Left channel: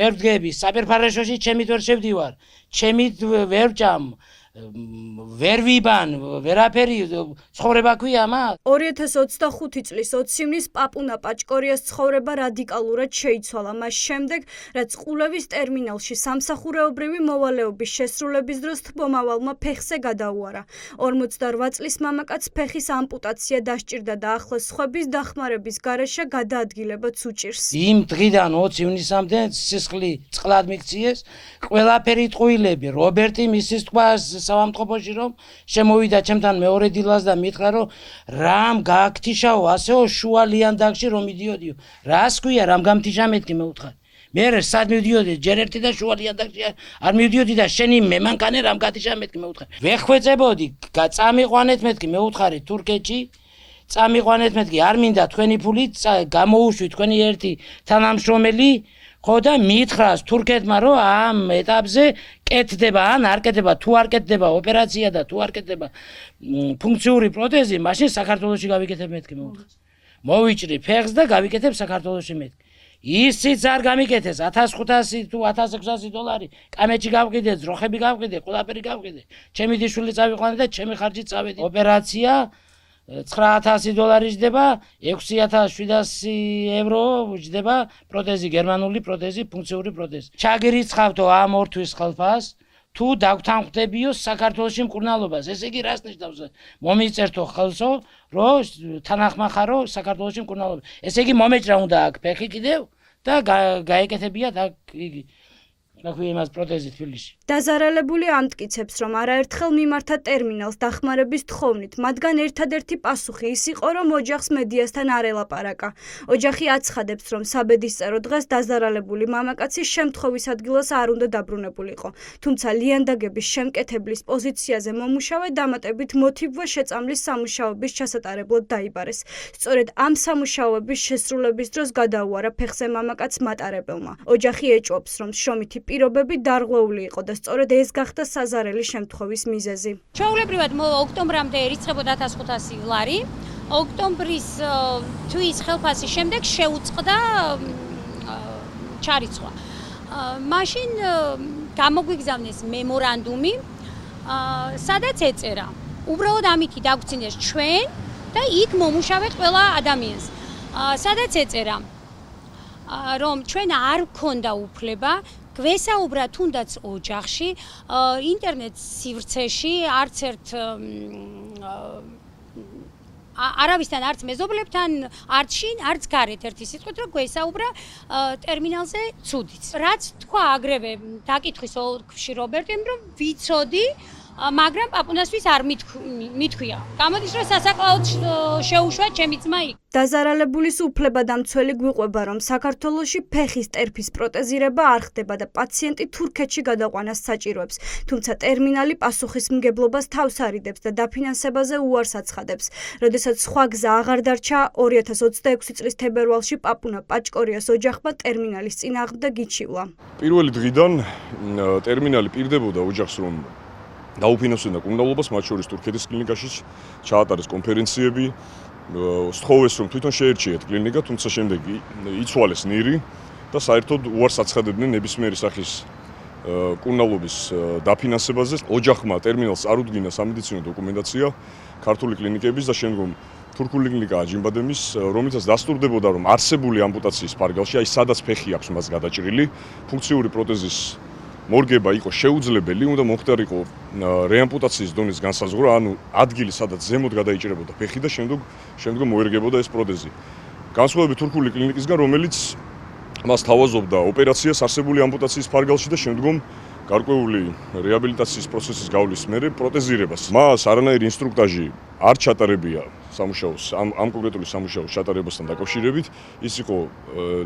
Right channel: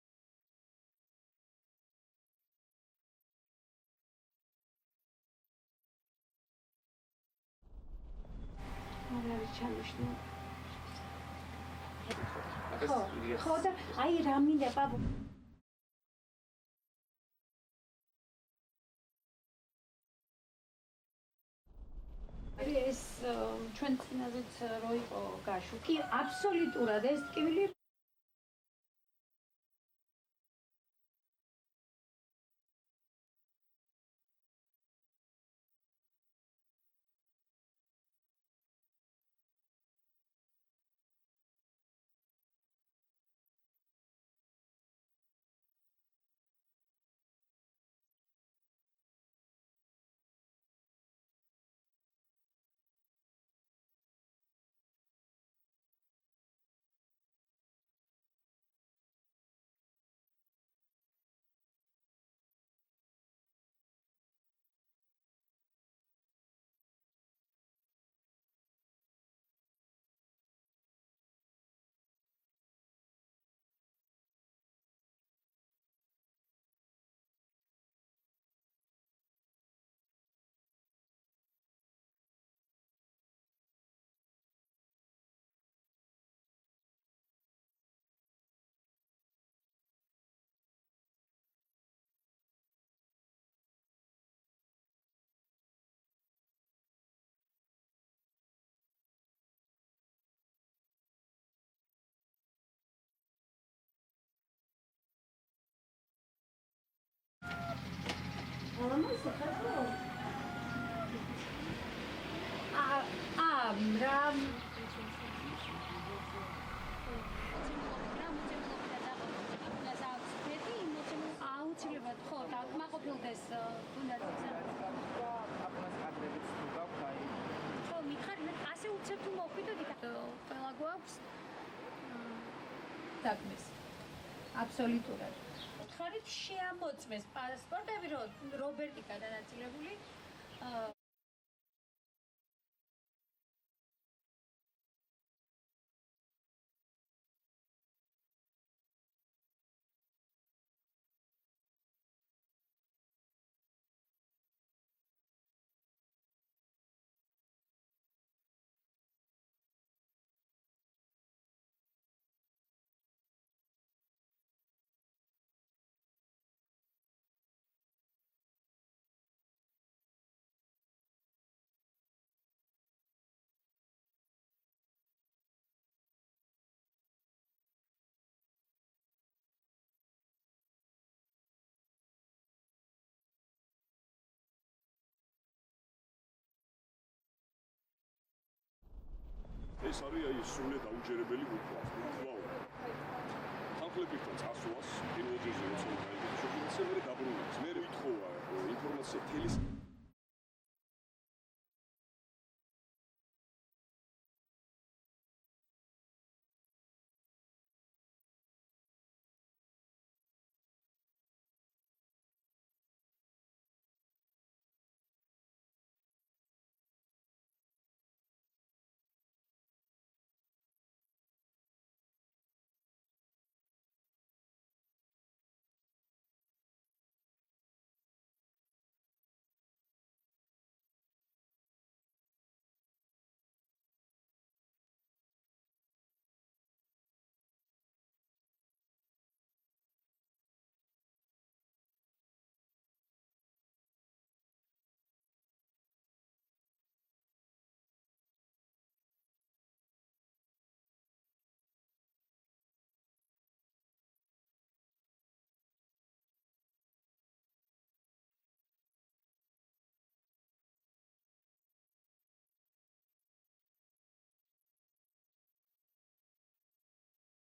ვერ ვდგები, საფერფარაშოში ჩემით ვერ შევდივარ, ჩემით ვერ ვჭამ, ვერ ვიბან, ვერაფერი, ცხოვრება ქვია მას. 2025 წლის 20 ივნის პაპუნა პაჭკორიას ცხოვრება რადიკალურად შეიცვალა მას შემდეგ, რაც ყულევის ტერმინალში სამსახურეობრივი მოვალეობის შესრულების დროს თბომავალმა ფეხზე გადაუარა. 48 წლის მამაკაცს ფეხის ამპუტაცია დასჭირდა და ახლოს სხვების დახმარების გარეშე გადაადგილებაც უჭირს. იმ დღიდან 20 ივნისამდე სისხლი წყლად მიქციეს, ყველაფერი ტყუილები, რობერტი მისის თქواس სამამტყობოში რომ შემოვიდა ჩემთან მეორე დილას და მითხრა რომ რამ გააქთიშაო ასეო შუა ლიანდაგში რომ მიდიოდიო. რას ქვია რამ გამთიშა მეთქი მე უთხარი. მე სად მივდიოდი ჯერ ერთი და შუა ლიანდაგში არ მივდიოდი და შენი მემანქანე რამ გათიშა მეთქი მე უთხარი. ვეხვეწებოდი წამიყვანეთ მეთქი მე უთხარი თურქეთში წამიყვანეთ მეთქი არ მინდა თქვენი ფული გამოუშვი თქვენი ერთი თანამშრომელი ხო და მითხრას თურქეთმა რომ ამ ეტაპზე კეთდება ან არ კეთდება თუ არ კეთდება ოპერაცია და თუ არ კეთდება ფუნქციური პროთეზი მაშინ საქართველოში გავიკეთებ მეთქი მე უთხარი. მოვიჭრი ფეხს და გავიკეთებ საქართველოში მეთქი. ისიც არ გამიკეთეს 1500 თუ 1600 დოლარი კამეჩი გავყიდე, ძროხები გავყიდე, ყველაფერი გავყიდე. ჩემი დიშვილი წავიყვანე და ჩემი ხარჯით წავედი. ოპერაცია 9000 დოლარი ჯდება, 6700 ევრო ჯდება პროთეზი, გერმანული პროთეზი, ფუნქციური პროთეზი. ჩაგირიცხავთო ამ ორ თვის ხალხას, თუ დავთანხმდებიო საქართველოში მკურნალობას. ესე იგი რას ნიშნავს? მომიწერთო ხელსო, რომ თანახმახარო საქართველოში მკურნალობა. ესე იგი მომეჭრა უნდა აქ ფეხი კიდევ და გაეკეთებიათ აქ იგი. იმას პროთეზი თბილისში. დაზარალებული ამტკიცებს, რომ არაერთხელ მიმართა ტერმინალს დახმარების თხოვნით, მათგან ერთადერთი პასუხი ის იყო, რომ ოჯახს მედიასთან არ ელაპარაკა. ოჯახი აცხადებს, რომ საბედისწერო დღეს დაზარალებული მამაკაცი შემთხვევის ადგილას არ უნდა დაბრუნებულიყო. თუმცა ლიანდაგების შემკეთებლის პოზიციაზე მომუშავე დამატებით მოტივვა შეწამლის სამუშაოების ჩასატარებლად დაიბარეს. სწორედ ამ სამუშაოების შესრულების დროს გადაუარა ფეხზე მამაკაცს მატარებელმა. ოჯახი ეჭვობს, რომ შრომითი პირობები დარღვეული იყო და სწორედ ეს გახდა საზარელი შემთხვევის მიზეზი. ჩვეულებრივად ოქტომბრამდე ერიცხებოდა 1500 ლარი. ოქტომბრის თვის ხელფასის შემდეგ შეუწყდა ჩარიცხვა. მაშინ გამოგვიგზავნეს მემორანდუმი, სადაც ეწერა. უბრალოდ ამითი დაგვცინეს ჩვენ და იქ მომუშავეთ ყველა ადამიანს. სადაც ეწერა, რომ ჩვენ არ გქონდა უფლება გვესაუბრა თუნდაც ოჯახში, ინტერნეტ სივრცეში, არც ერთ არავისთან, არც მეზობლებთან, არც შინ, არც გარეთ ერთი სიტყვით, რომ გვესაუბრა ტერმინალზე ცუდიც. რაც თქვა აგრევე დაკითხვის ოლქში რობერტიმ, რომ ვიცოდი, მაგრამ პაპუნასთვის არ მithქვია. გამოდის, რომ სასაკლაოდ შეუშვა ჩემი ძმა იქ. დაზარალებულის უფლებადამცველი გვიყვება, რომ საქართველოში ფეხის ტერფის პროტეზირება არ ხდება და პაციენტი თურქეთში გადაყვანას საჭიროებს. თუმცა ტერმინალი პასუხისმგებლობას თავს არიდებს და დაფინანსებაზე უარს აცხადებს. როდესაც სხვა გზა აღარ დარჩა, 2026 წლის თებერვალში პაპუნა პაჭკორიას ოჯახმა ტერმინალის წინააღმდეგ იჩივლა. პირველი დღიდან ტერმინალი პირდებოდა ოჯახს, რომ დაუფინანსებდა კუნდალობას, მათ შორის თურქეთის კლინიკაში ჩაატარეს კონფერენციები, სთხოვეს რომ თვითონ შეერჩიათ კლინიკა, თუმცა შემდეგ იცვალეს ნირი და საერთოდ უარს აცხადებდნენ ნებისმიერი სახის კუნდალობის დაფინანსებაზე. ოჯახმა ტერმინალს არ უდგინა სამედიცინო დოკუმენტაცია ქართული კლინიკების და შემდგომ თურქული კლინიკა აჯიმბადემის, რომელიცაც დასტურდებოდა, რომ არსებული ამპუტაციის ფარგალში, აი სადაც ფეხი აქვს მას გადაჭრილი, ფუნქციური პროთეზის მორგება იყო შეუძლებელი, უნდა მოხდარიყო რეამპუტაციის დონის განსაზღვრა, ანუ ადგილი, სადაც ზემოთ გადაიჭრებოდა ფეხი და შემდგომ მოერგებოდა ეს პროთეზი. განსხვავებით თურქული კლინიკისგან, რომელიც მას თავაზობდა ოპერაციას არსებული ამპუტაციის ფარგალში და შემდგომ გარკვეული რეაბილიტაციის პროცესის გავლის მერე პროტეზირებას. მას არანაირი ინსტრუქტაჟი არ ჩატარებია სამუშაოს, ამ კონკრეტული სამუშაოს ჩატარებასთან დაკავშირებით. ის იყო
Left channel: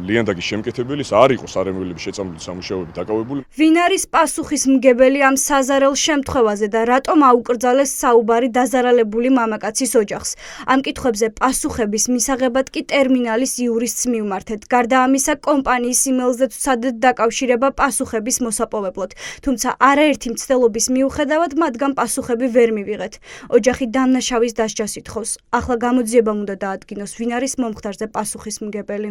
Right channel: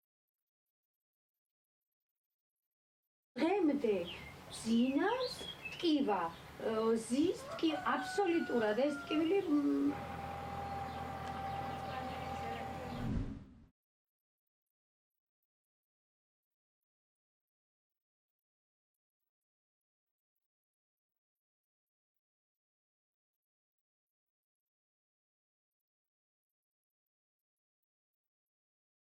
ლიანდაგის შემკეთებელი, არ იყო სარემოვლების შეწამლული სამუშაოები დაკავებული. ვინ არის პასუხისმგებელი ამ საზარელ შემთხვევაზე და რატომ აუკრძალეს საუბარი დაზარალებული მამაკაცის ოჯახს? ამ კითხვებზე პასუხების მისაღებად კი ტერმინალის იურისტს მივმართეთ. გარდა ამისა, კომპანიის იმეილზეც ვცადეთ დაკავშირება პასუხების მოსაპოვებლად. თუმცა არაერთი მცდელობის მიუხედავად მათგან პასუხები ვერ მივიღეთ. ოჯახი დამნაშავის დასჯას ითხოვს. ახლა გამოძიებამ უნდა დაადგინოს, ვინ არის მომხდარზე პასუხისმგებელი.